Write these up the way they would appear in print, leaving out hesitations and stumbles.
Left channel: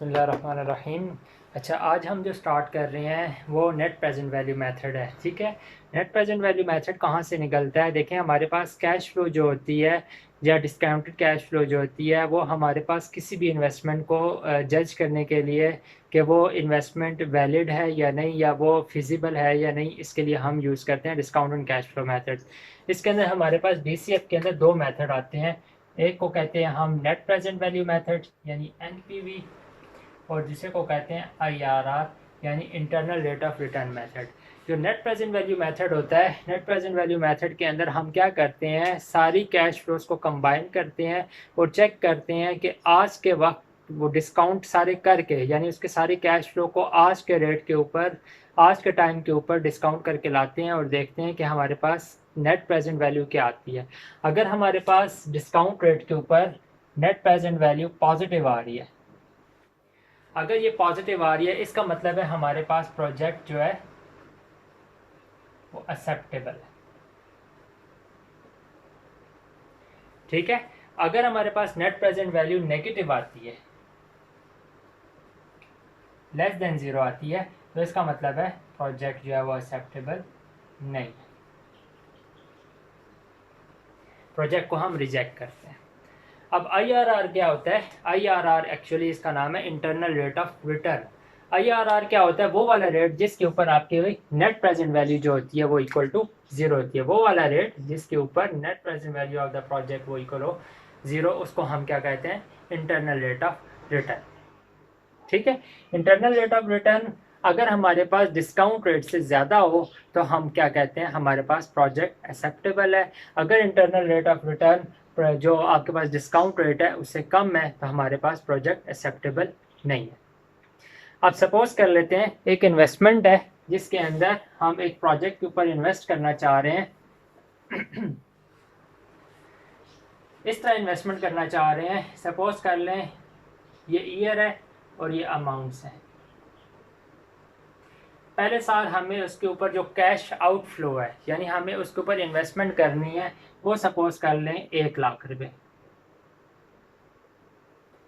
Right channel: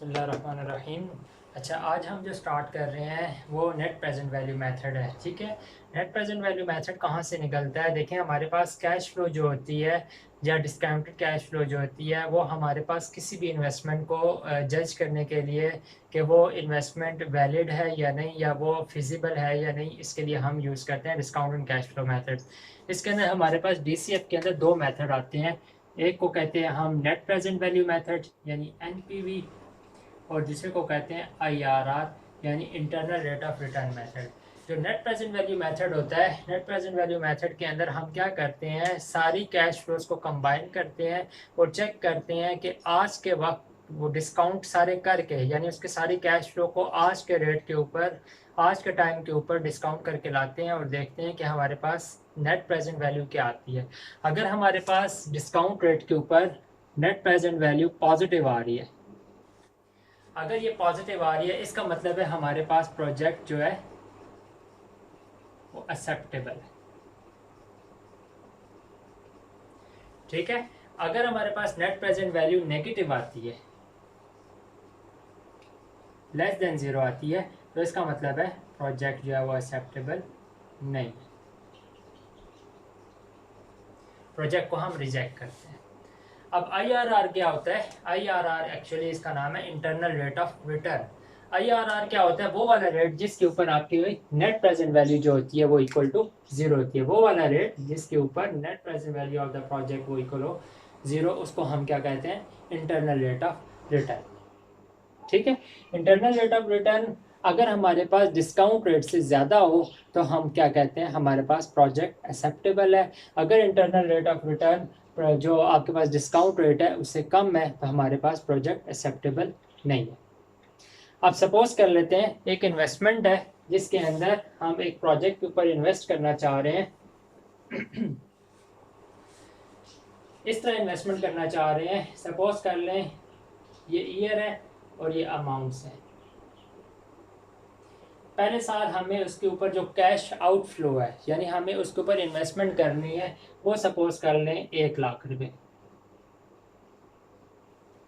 बिस्मिल्लाहिर्रहमानिर्रहीम। अच्छा, आज हम जो स्टार्ट कर रहे हैं वो नेट प्रेजेंट वैल्यू मेथड है। ठीक है, नेट प्रेजेंट वैल्यू मेथड कहाँ से निकलता है? देखें, हमारे पास कैश फ्लो जो होती है या डिस्काउंटेड कैश फ्लो जो होती है वो हमारे पास किसी भी इन्वेस्टमेंट को जज करने के लिए कि वो इन्वेस्टमेंट वैलिड है या नहीं, या वो फिजिबल है या नहीं, इसके लिए हम यूज़ करते हैं डिस्काउंटेड कैश फ्लो मेथड। इसके अंदर हमारे पास डीसीएफ के अंदर दो मेथड आते हैं। एक को कहते हैं हम नेट प्रेजेंट वैल्यू मेथड यानी एनपीवी, और दूसरे को कहते हैं आईआरआर यानी internal rate of return method. जो नेट प्रेजेंट वैल्यू मेथड होता है, नेट प्रेजेंट वैल्यू मेथड के अंदर हम क्या करते हैं, सारी कैश फ्लोज को कंबाइन करते हैं और चेक करते हैं कि आज के वक्त वो डिस्काउंट सारे करके, यानी उसके सारी कैश फ्लो को आज के रेट के ऊपर, आज के टाइम के ऊपर डिस्काउंट करके लाते हैं और देखते हैं कि हमारे पास नेट प्रेजेंट वैल्यू क्या आती है। अगर हमारे पास डिस्काउंट रेट के ऊपर नेट प्रेजेंट वैल्यू पॉजिटिव आ रही है, अगर ये पॉजिटिव आ रही है, इसका मतलब है हमारे पास प्रोजेक्ट जो है वो एक्सेप्टेबल है। ठीक है, अगर हमारे पास नेट प्रेजेंट वैल्यू नेगेटिव आती है, लेस देन जीरो आती है, तो इसका मतलब है प्रोजेक्ट जो है वो एक्सेप्टेबल नहीं है, प्रोजेक्ट को हम रिजेक्ट करते हैं। अब आईआरआर क्या होता है? आईआरआर एक्चुअली इसका नाम है internal rate of return. IRR क्या होता है? वो वाला रेट जिसके ऊपर आपकी नेट प्रेजेंट वैल्यू जो होती है वो इक्वल टू जीरो होती है। वो वाला रेट जिसके ऊपर net present value of the project वो इक्वल हो जीरो, उसको हम क्या कहते हैं? Internal rate of return. ठीक है, इंटरनल रेट ऑफ रिटर्न अगर हमारे पास डिस्काउंट रेट से ज़्यादा हो तो हम क्या कहते हैं? हमारे पास प्रोजेक्ट एक्सेप्टेबल है। अगर इंटरनल रेट ऑफ रिटर्न जो आपके पास डिस्काउंट रेट है उससे कम है तो हमारे पास प्रोजेक्ट एक्सेप्टेबल नहीं है। अब सपोज कर लेते हैं एक इन्वेस्टमेंट है जिसके अंदर हम एक प्रोजेक्ट के ऊपर इन्वेस्ट करना चाह रहे हैं। इस तरह इन्वेस्टमेंट करना चाह रहे हैं, सपोज कर लें ये ईयर है और ये अमाउंट्स हैं। पहले साल हमें उसके ऊपर जो कैश आउटफ्लो है, यानी हमें उसके ऊपर इन्वेस्टमेंट करनी है, वो सपोज कर लें 1,00,000 रुपए।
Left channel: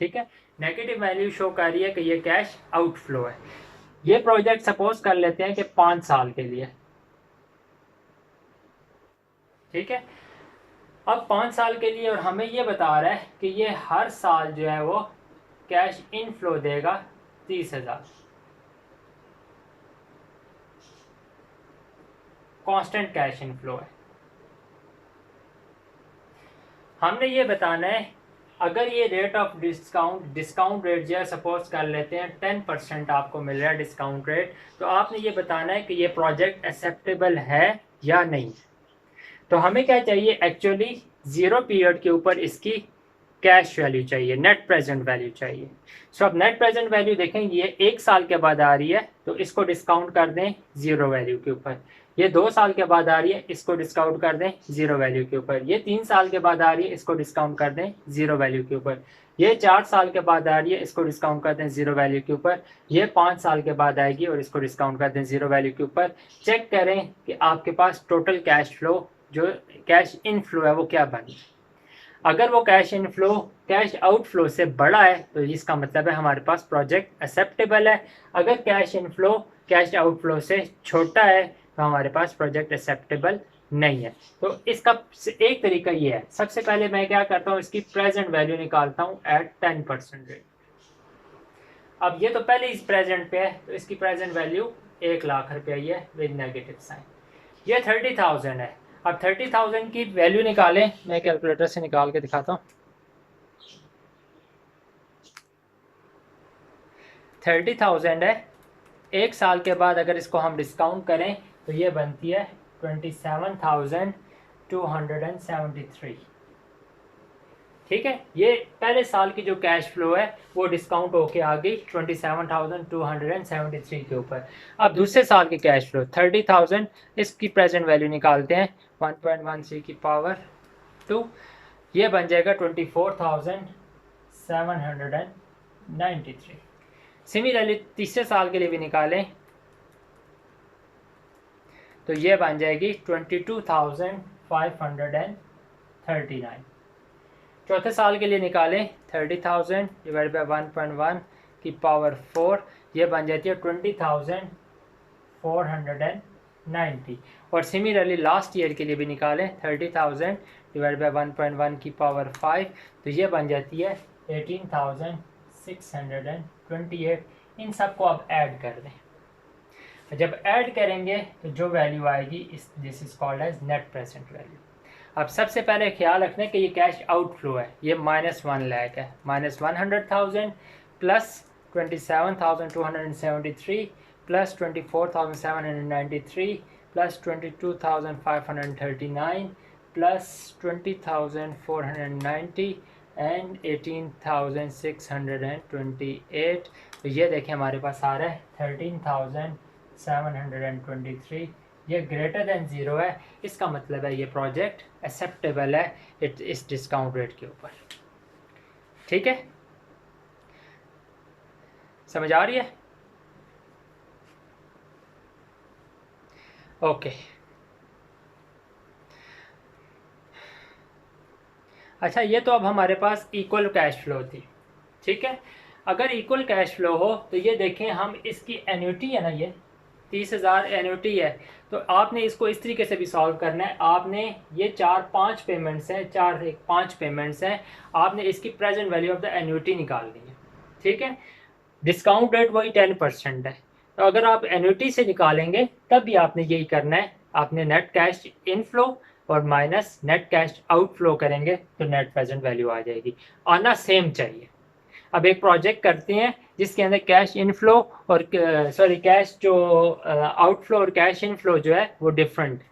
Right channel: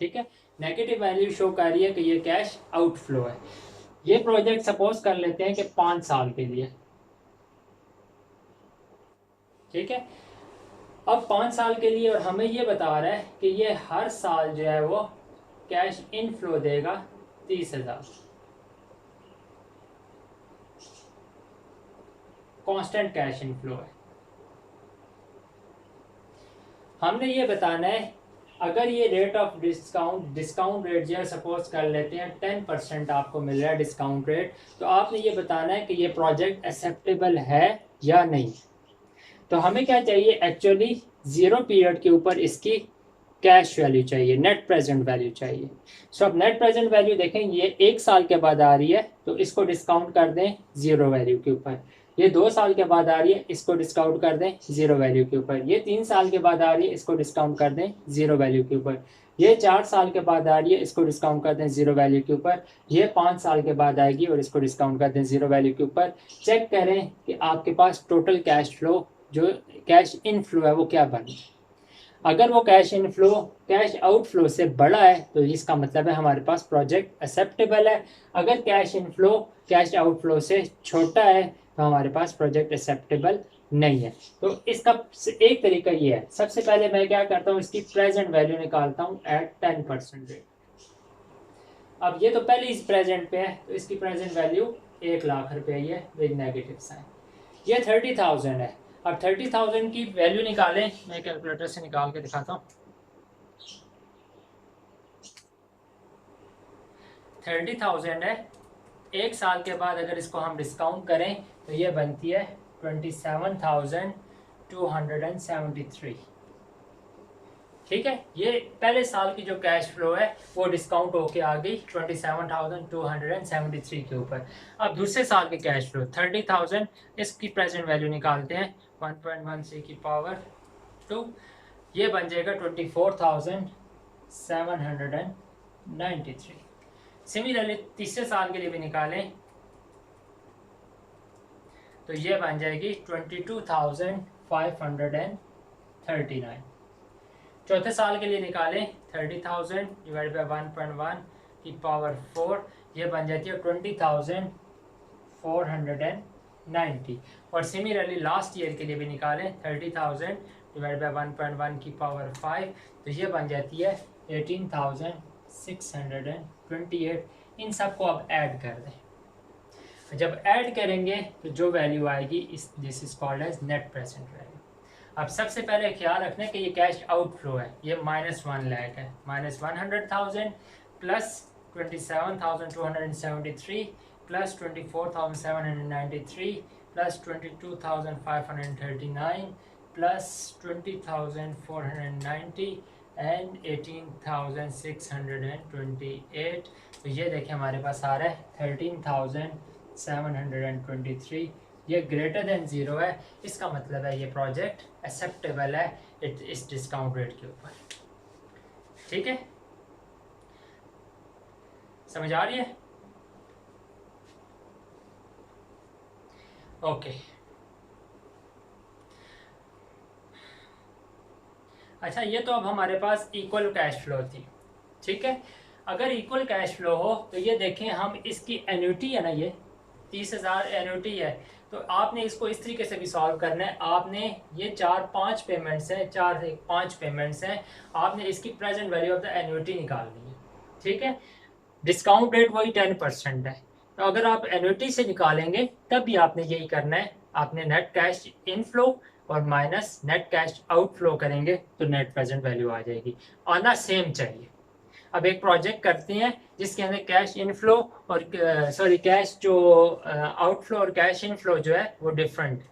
ठीक है, नेगेटिव वैल्यू शो कर रही है कि ये कैश आउटफ्लो है। ये प्रोजेक्ट सपोज कर लेते हैं कि 5 साल के लिए। ठीक है, अब 5 साल के लिए, और हमें ये बता रहा है कि ये हर साल जो है वो कैश इनफ्लो देगा 30,000, कांस्टेंट कैश इनफ्लो है। हमने ये बताना है अगर ये रेट ऑफ डिस्काउंट रेट जो है सपोज कर लेते हैं 10% आपको मिल रहा है डिस्काउंट रेट, तो आपने ये बताना है कि ये प्रोजेक्ट एक्सेप्टेबल है या नहीं। तो हमें क्या चाहिए? एक्चुअली जीरो पीरियड के ऊपर इसकी कैश वैल्यू चाहिए, नेट प्रेजेंट वैल्यू चाहिए। सो अब नेट प्रेजेंट वैल्यू देखें, ये 1 साल के बाद आ रही है तो इसको डिस्काउंट कर दें जीरो वैल्यू के ऊपर। ये 2 साल के बाद आ रही है, इसको डिस्काउंट कर दें जीरो वैल्यू के ऊपर। ये 3 साल के बाद आ रही है, इसको डिस्काउंट कर दें जीरो वैल्यू के ऊपर। ये 4 साल के बाद आ रही है, इसको डिस्काउंट कर दें जीरो वैल्यू के ऊपर। ये 5 साल के बाद आएगी और इसको डिस्काउंट कर दें जीरो वैल्यू के ऊपर। चेक करें कि आपके पास टोटल कैश फ्लो जो कैश इनफ्लो है वो क्या बने। अगर वो कैश इनफ्लो कैश आउटफ्लो से बड़ा है तो इसका मतलब है हमारे पास प्रोजेक्ट एक्सेप्टेबल है। अगर कैश इनफ्लो कैश आउटफ्लो से छोटा है तो हमारे पास प्रोजेक्ट एक्सेप्टेबल नहीं है। तो इसका एक तरीका ये है, सबसे पहले मैं क्या करता हूँ, इसकी प्रेजेंट वैल्यू निकालता हूँ एट 10% रेट। अब ये तो पहले इस प्रेजेंट पे है तो इसकी प्रेजेंट वैल्यू 1,00,000 रुपये है विद नेगेटिव साइन। ये 30,000 है। अब 30,000 की वैल्यू निकालें, मैं कैलकुलेटर से निकाल के दिखाता हूँ। 30,000 है, 1 साल के बाद अगर इसको हम डिस्काउंट करें तो ये बनती है 27,273। ठीक है, ये पहले साल की जो कैश फ्लो है वो डिस्काउंट होके आ गई 27,273 के ऊपर। अब दूसरे साल की कैश फ्लो 30,000, इसकी प्रेजेंट वैल्यू निकालते हैं 1.13 की पावर 2, ये बन जाएगा 24,793। सिमिलरली तीसरे साल के लिए भी निकालें तो ये बन जाएगी 22,539। चौथे साल के लिए निकालें 30,000 डिवाइड बाई 1.1 की पावर 4, ये बन जाती है 20,490। और सिमिलरली लास्ट ईयर के लिए भी निकालें 30,000 डिवाइड बाई 1.1 की पावर 5, तो ये बन जाती है 18,628। इन सबको आप ऐड कर दें, जब ऐड करेंगे तो जो वैल्यू आएगी this is called as net present value. अब सबसे पहले ख्याल रखना है कि ये कैश आउटफ्लो है, ये -1 लाख है, -100,000 plus 27,273 plus 24,793 plus 22,539 plus 20,490 and 18,628। तो ये देखें हमारे पास आ रहा है 13,723। ये ग्रेटर देन 0 है, इसका मतलब है ये प्रोजेक्ट एक्सेप्टेबल है इस डिस्काउंट रेट के ऊपर। ठीक है, समझ आ रही है? ओके। अच्छा, ये तो अब हमारे पास इक्वल कैश फ्लो थी। ठीक है, अगर इक्वल कैश फ्लो हो तो ये देखें, हम इसकी एन्युटी है ना, ये 30,000 एन्युटी है, तो आपने इसको इस तरीके से भी सॉल्व करना है। आपने ये 4-5 पेमेंट्स हैं, 4 से 5 पेमेंट्स हैं, आपने इसकी present value of the annuity निकालनी है। ठीक है, डिस्काउंट रेट वही 10% है, तो अगर आप एन्युटी से निकालेंगे तब भी आपने यही करना है। आपने नेट कैश इनफ्लो और माइनस नेट कैश आउटफ्लो करेंगे तो नेट प्रेजेंट वैल्यू आ जाएगी। आना सेम चाहिए। अब एक प्रोजेक्ट करते हैं जिसके अंदर कैश इनफ्लो और कैश जो आउटफ्लो और कैश इनफ्लो जो है वो डिफरेंट।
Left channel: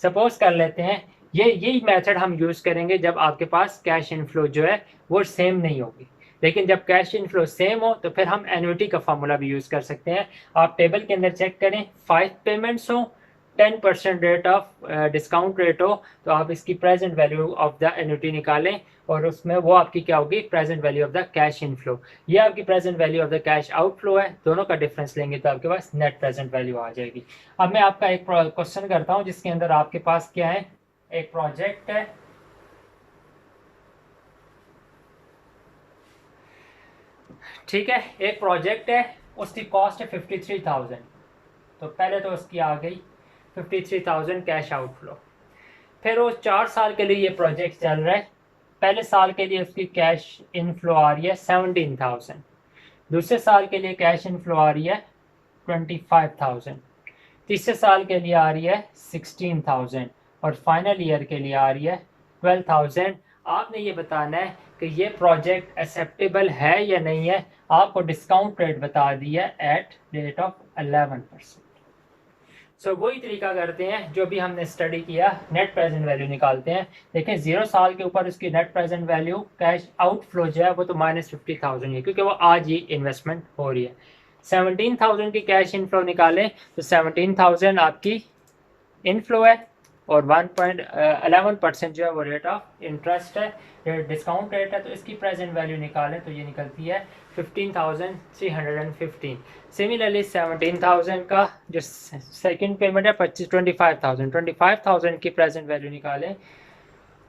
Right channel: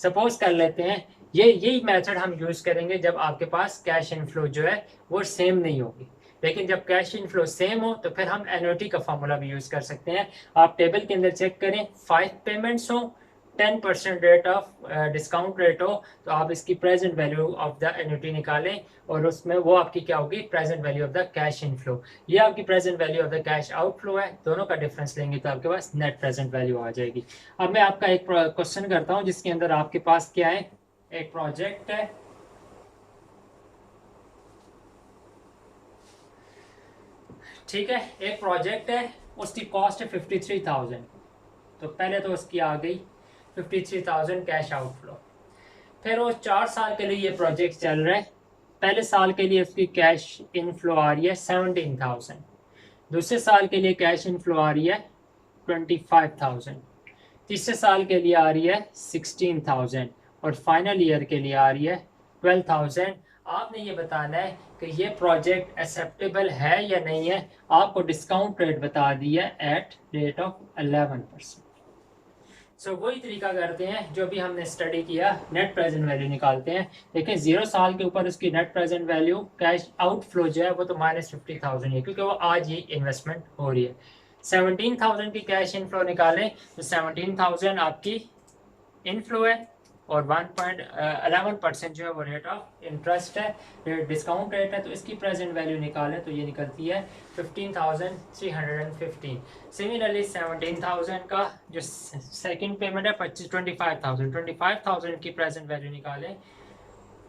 सपोज कर लेते हैं यही मेथड हम यूज़ करेंगे जब आपके पास कैश इनफ्लो जो है वो सेम नहीं होगी। लेकिन जब कैश इनफ्लो सेम हो तो फिर हम एन्युटी का फार्मूला भी यूज़ कर सकते हैं। आप टेबल के अंदर चेक करें, 5 पेमेंट्स हो, 10% रेट ऑफ डिस्काउंट रेट हो, तो आप इसकी present value of the annuity निकालें और उसमें वो आपकी क्या होगी, present value of the cash inflow. ये आपकी present value of the cash outflow है, दोनों का डिफरेंस लेंगे तो आपके पास नेट प्रेजेंट वैल्यू आ जाएगी। अब मैं आपका एक क्वेश्चन करता हूँ जिसके अंदर आपके पास क्या है, एक प्रोजेक्ट है, ठीक है, एक प्रोजेक्ट है, उसकी कॉस्ट है 53,000। तो पहले तो उसकी आ गई 53,000 कैश आउटफ्लो। फिर वो 4 साल के लिए ये प्रोजेक्ट चल रहा है। पहले साल के लिए उसकी कैश इनफ्लो आ रही है 17,000, दूसरे साल के लिए कैश इनफ्लो आ रही है 25,000, तीसरे साल के लिए आ रही है 16,000 और फाइनल ईयर के लिए आ रही है 12,000। आपने ये बताना है कि ये प्रोजेक्ट एक्सेप्टेबल है या नहीं है। आपको डिस्काउंट रेट बता दी है एट रेट ऑफ 11%। सो वही तरीका करते हैं जो भी हमने स्टडी किया, नेट प्रेजेंट वैल्यू निकालते हैं। देखें 0 साल के ऊपर उसकी net present value cash outflow जो है वो तो -50,000 है, क्योंकि वो आज ही इन्वेस्टमेंट हो रही है। 17,000 की कैश इनफ्लो निकालें तो 17,000 आपकी इनफ्लो है और 1.11% जो है वो रेट ऑफ इंटरेस्ट है, डिस्काउंट रेट है। तो इसकी प्रेजेंट वैल्यू निकालें तो ये निकलती है 15,315। सिमिलरली 17,000 का जो सेकंड पेमेंट है 25,000 की प्रेजेंट वैल्यू निकालें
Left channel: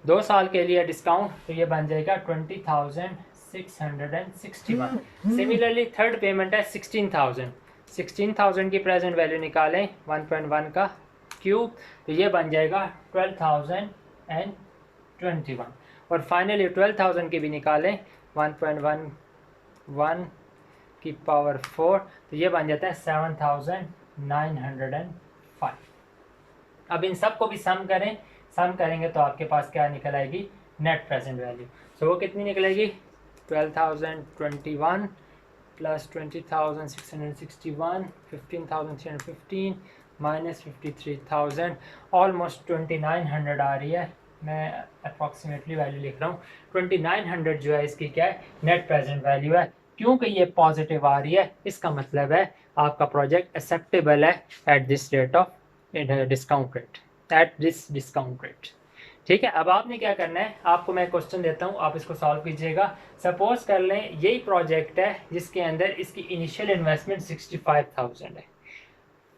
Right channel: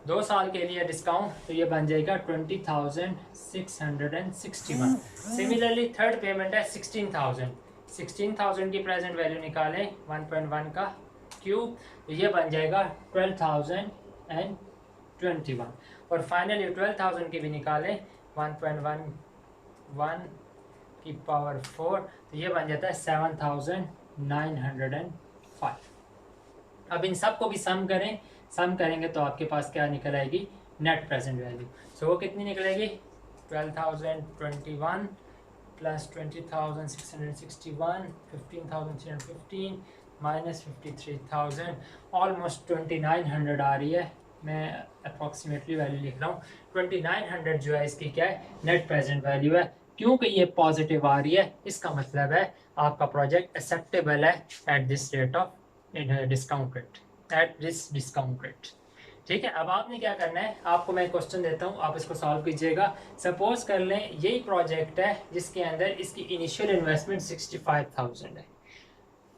2 साल के लिए डिस्काउंट, तो ये बन जाएगा 20,661। सिमिलरली थर्ड पेमेंट है 16,000 की प्रेजेंट वैल्यू निकालें 1.1 का क्यूब, तो ये बन जाएगा 12,021। और फाइनली 12,000 की भी निकालें 1.11 की पावर 4, तो ये बन जाता है 7,905। अब इन सब को भी सम करें, सम करेंगे तो आपके पास क्या निकल आएगी, नेट प्रेजेंट वैल्यू। सो वो कितनी निकलेगी, 12,021 प्लस 20,661, 15,315 माइनस 53,000, ऑलमोस्ट 2,900 आ रही है। मैं अप्रॉक्सीमेटली वैल्यू लिख रहा हूँ, 2,900 जो है इसकी क्या है, नेट प्रेजेंट वैल्यू है। क्योंकि ये पॉजिटिव आ रही है, इसका मतलब है आपका प्रोजेक्ट एक्सेप्टेबल है at this rate of discount rate, at this discount rate. ठीक है, अब आपने क्या करना है, आपको मैं क्वेश्चन देता हूँ, आप इसको सॉल्व कीजिएगा। सपोज कर लें यही प्रोजेक्ट है जिसके अंदर इसकी इनिशियल इन्वेस्टमेंट 65,000 है।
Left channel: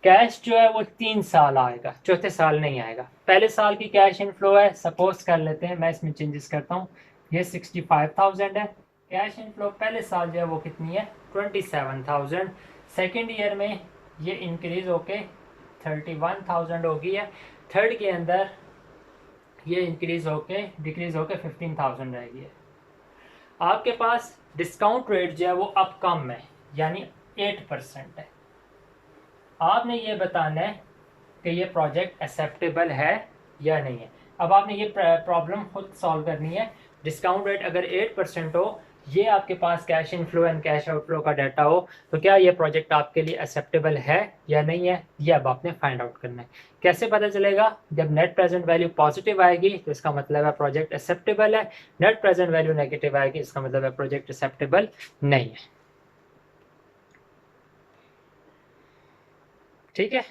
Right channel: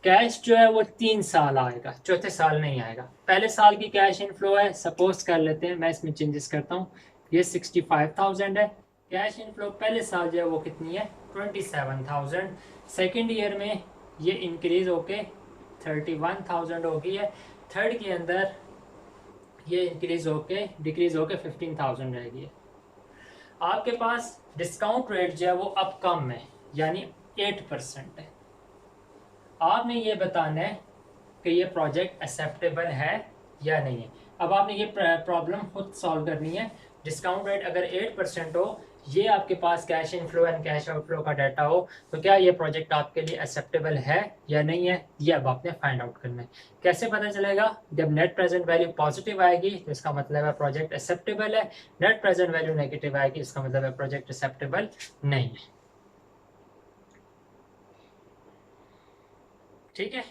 कैश जो है वो 3 साल आएगा, चौथे साल नहीं आएगा। पहले साल की कैश इनफ्लो है, सपोज कर लेते हैं, मैं इसमें चेंजेस करता हूँ, ये 65,000 है। कैश इनफ्लो पहले साल जो है वो कितनी है 27,000, सेकेंड ईयर में ये इंक्रीज होके 31,000 हो गई है, थर्ड के अंदर ये इंक्रीज होके डिक्रीज होके 15,000 रह गई है। आपके पास डिस्काउंट रेट जो है वो अब कम है, यानी 8% है। आपने ये बताना है कि ये प्रोजेक्ट एक्सेप्टेबल है या नहीं है। अब आपने ये प्रॉब्लम खुद सॉल्व करनी है। डिस्काउंट रेट अगर 8% हो, ये आपके पास cash inflow and cash outflow का डाटा हो, तो क्या ये प्रोजेक्ट आपके लिए एक्सेप्टेबल है या नहीं है, ये अब आपने फाइंड आउट करना है। कैसे पता चलेगा? जब नेट प्रेजेंट वैल्यू पॉजिटिव आएगी तो इसका मतलब है प्रोजेक्ट एक्सेप्टेबल है, नेट प्रेजेंट वैल्यू नेगेटिव आएगी इसका मतलब है प्रोजेक्ट एक्सेप्टेबल नहीं है। ठीक है।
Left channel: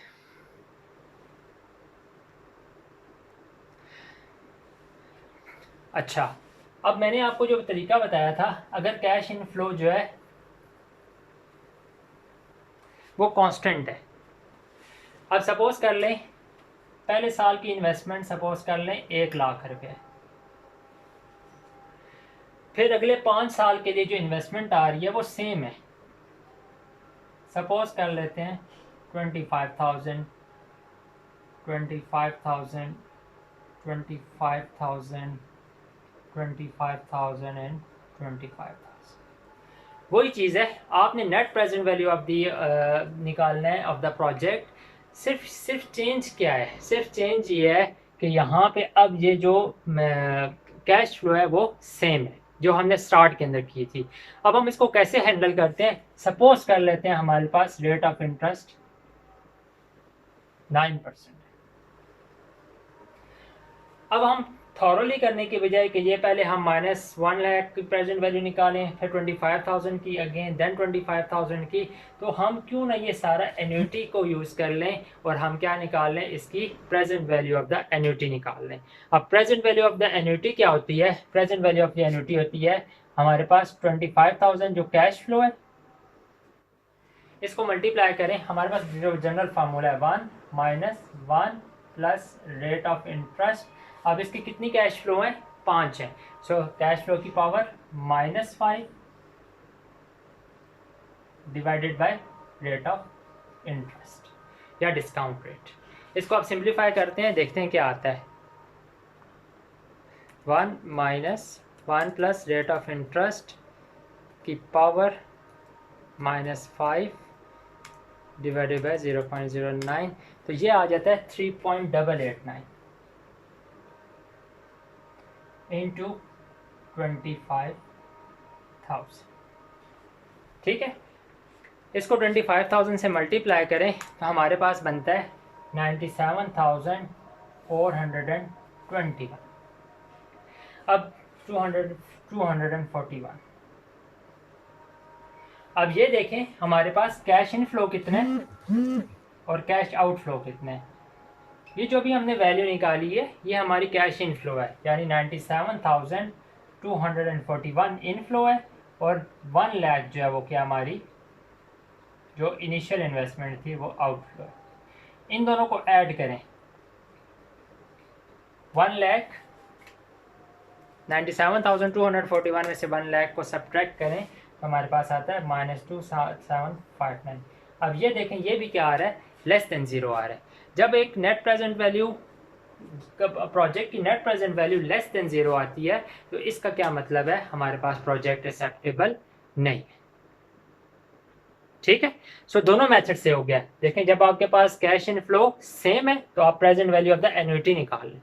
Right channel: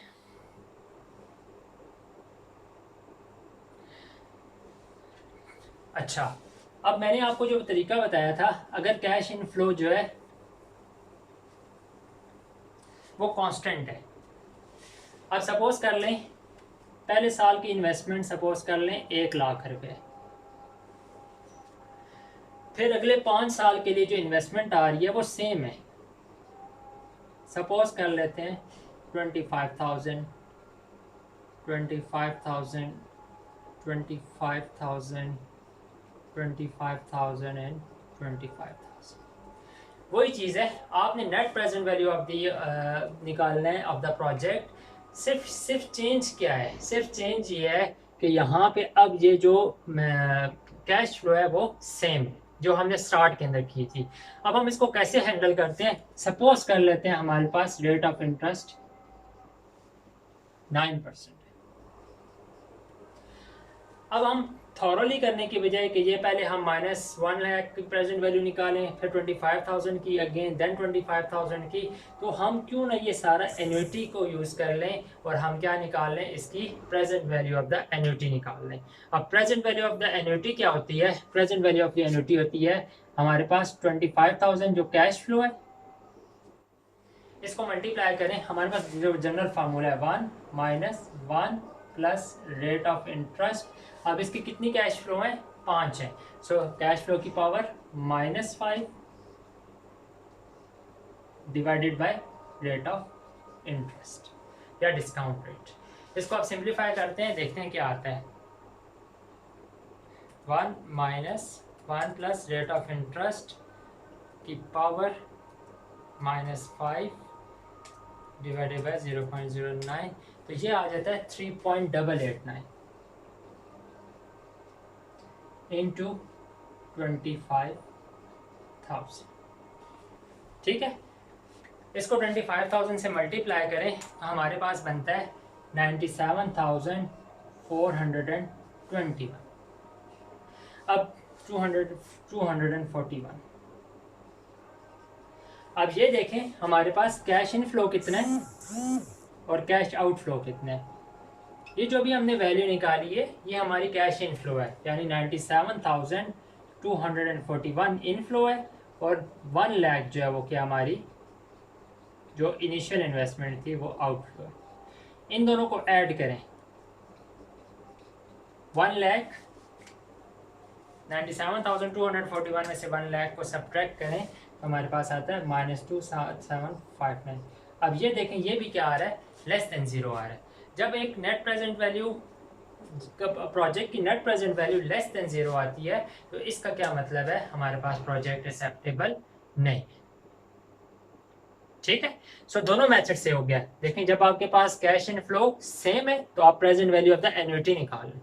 अच्छा, अब मैंने आपको जो तरीका बताया था, अगर कैश इनफ्लो जो है वो कांस्टेंट है। अब सपोज कर लें पहले साल की इन्वेस्टमेंट सपोज कर लें 1,00,000 रुपए, फिर अगले 5 साल के लिए जो इन्वेस्टमेंट आ रही है वो सेम है। सपोज कर लेते हैं 25,000, 25,000, 25,000, 25,000 एंड 25,000। वही चीज़ है, आपने net present value of the निकालना है ऑफ द प्रोजेक्ट। सिर्फ चेंज क्या है? सिर्फ चेंज ये है कि यहाँ पे अब ये जो कैश फ्लो है वो सेम है जो हमने स्टार्ट के अंदर की थी। अब हम इसको कैसे हैंडल करते हैं? सपोज कर लेते हैं हमारे पास रेट ऑफ इंटरेस्ट 9%। अब हम थॉरली करने के बजाय कि ये पहले हम -1,00,000 की प्रेजेंट वैल्यू निकालें, फिर 25,000 की अगेन, देन 25,000 की, तो हम क्यों ना ये सारा एन्युटी को यूज़ कर लें और हम क्या निकाल लें, इसकी present value of the annuity निकाल लें। अब present value of the annuity क्या होती है? Present value of the annuity होती है हमारे पास 25,000 जो कैश फ्लो है, इसको मल्टीप्लाई करें, हमारे पास जो जनरल फार्मूला है 1 - 1 प्लस रेट ऑफ इंटरेस्ट। अब इसकी कितनी कैश फ्लो है? 5 है। सो कैश फ्लो की power -5 divided by rate of interest या डिस्काउंट रेट। इसको आप सिंप्लीफाई करते हैं, देखते हैं क्या आता है। 1 - 1 प्लस रेट ऑफ इंटरेस्ट की पावर -5 डिवाइडेड बाय 0.09, तो ये आ जाता है 3.889 इंटू 25,000। ठीक है, इसको 25,000 से मल्टीप्लाई करें तो हमारे पास बनता है 97,421। अब 241। अब ये देखें हमारे पास कैश इनफ्लो कितना है और कैश आउटफ्लो कितना है। ये जो भी हमने वैल्यू निकाली है ये हमारी कैश इनफ्लो है, यानी 97,241 इनफ्लो है, और 1,00,000 जो है वो क्या हमारी जो इनिशियल इन्वेस्टमेंट थी वो आउटफ्लो है। इन दोनों को ऐड करें, 1,00,000 97,241 में से 1,00,000 को सब्ट्रैक्ट करें तो हमारे पास आता है -2,759। अब ये देखें ये भी क्या आ रहा है, लेस देन 0 आ रहा है। जब एक नेट प्रेजेंट वैल्यू प्रोजेक्ट की net present value less than 0 आती है तो इसका क्या मतलब है, हमारे पास प्रोजेक्ट एक्सेप्टेबल नहीं है। ठीक है, सो दोनों मेथड से हो गया। देखें जब आपके पास कैश इन फ्लो सेम है तो आप present value of the annuity निकाल लें,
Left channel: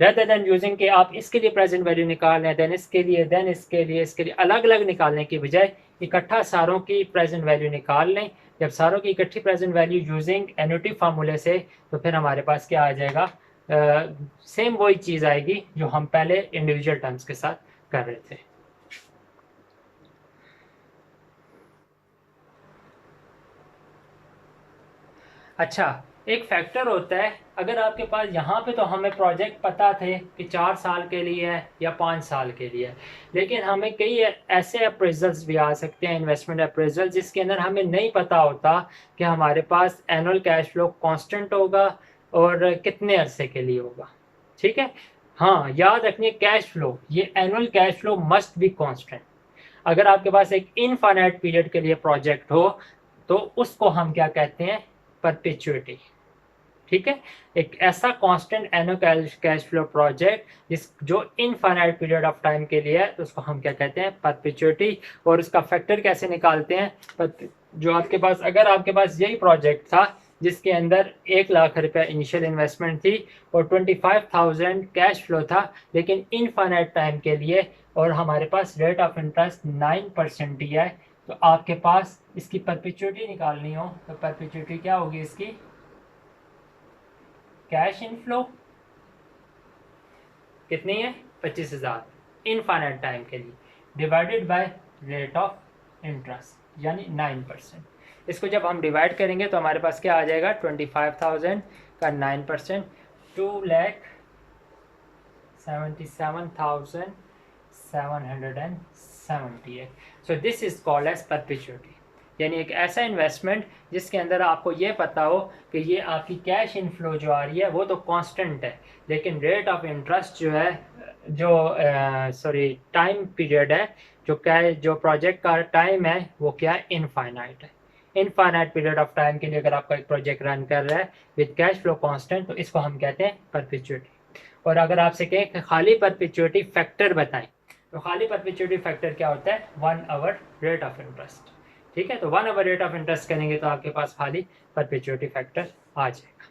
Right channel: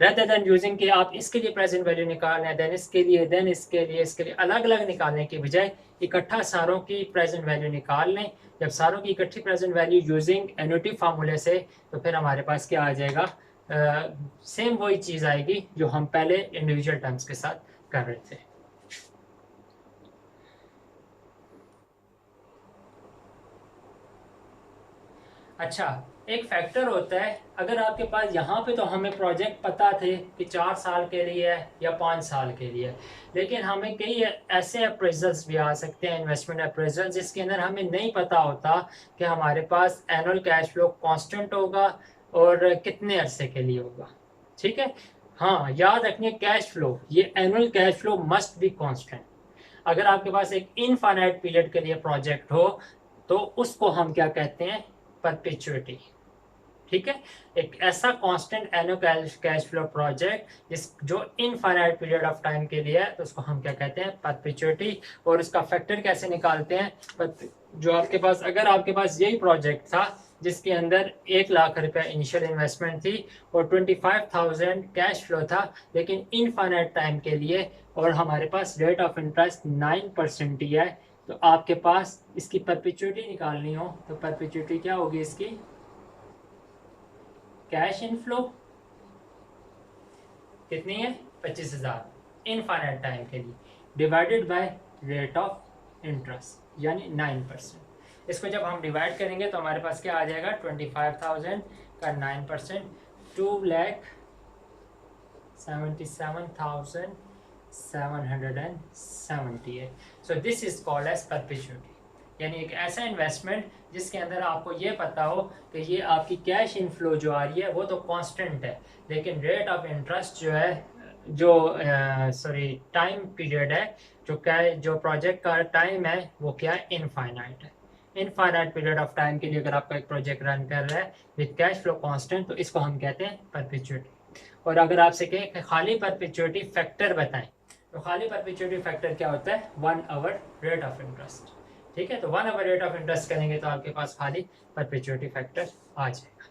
रेदर देन यूजिंग कि आप इसके लिए प्रेजेंट वैल्यू निकाल लें, देन इसके लिए, देन इसके लिए अलग अलग निकालने की बजाय इकट्ठा सारों की प्रेजेंट वैल्यू निकाल लें। जब सारों की इकट्ठी प्रेजेंट वैल्यू यूजिंग एन्युटी फार्मूले से, तो फिर हमारे पास क्या आ जाएगा, सेम वही चीज़ आएगी जो हम पहले इंडिविजुअल टर्म्स के साथ कर रहे थे। अच्छा, एक फैक्टर होता है, अगर आपके पास यहाँ पे तो हमें प्रोजेक्ट पता थे कि 4 साल के लिए है या 5 साल के लिए है, लेकिन हमें कई ऐसे अप्रेजल्स भी आ सकते हैं, इन्वेस्टमेंट अप्रेजल, जिसके अंदर हमें नहीं पता होता कि हमारे पास एनुअल कैश फ्लो कांस्टेंट होगा और कितने अरसे के लिए होगा। ठीक है, हाँ याद रखिए कैश फ्लो, ये annual cash flow must be constant. अगर आपके पास एक इनफाइनाइट पीरियड के लिए प्रोजेक्ट हो तो उसको हम क्या कहते हैं, परपेचुइटी। ठीक है, एक ऐसा constant annual cash flow project जो इनफाइनाइट पीरियड ऑफ टाइम के लिए है, तो उसको हम क्या कहते हैं, परपेचुइटी। और उसका फैक्टर कैसे निकालते हैं, जो आपके पास, अगर आपके पास यही प्रोजेक्ट था जिसके अंदर 1 लाख रुपया इनिशियल इन्वेस्टमेंट थी और 25,000 कैश फ्लो था, लेकिन इनफाइनाइट टाइम के लिए, और हमारे पास रेट ऑफ इंटरेस्ट 9% ही है, तो आपके पास इसकी परपेचुइटी निकालनी हो तो परपेचुइटी क्या होगी इसकी, कैश इनफ्लो कितनी है, 25,000 इनफाइनाइट टाइम के लिए, divided by rate of interest यानी 9%। इसको जब हम डिवाइड करेंगे तो हमारे पास क्या आ जाएगा, 25,000 का 9%, 2,77,770 है। So this is called as perpetuity, यानी एक ऐसा इन्वेस्टमेंट जिसके अंदर आपको ये पता हो कि ये आपकी कैश इनफ्लो जो आ रही है वो तो कांस्टेंट है, लेकिन रेट ऑफ इंटरेस्ट जो है, जो टाइम पीरियड है, जो प्रोजेक्ट का टाइम है वो क्या है, इनफाइनाइट है। इनफाइनाइट पीरियड ऑफ टाइम के लिए अगर आपका एक प्रोजेक्ट रन कर रहा है विद कैश फ्लो कांस्टेंट, तो इसको हम कहते हैं परपेचुइटी। और अगर आपसे कहें कि खाली परपेचुइटी फैक्टर बताएं, तो खाली परपेचुइटी फैक्टर क्या होता है, 1 आवर रेट ऑफ इंटरेस्ट। ठीक है, तो 1 आवर रेट ऑफ इंटरेस्ट करेंगे तो आपके पास खाली परपेचुइटी फैक्टर आ जाएगा।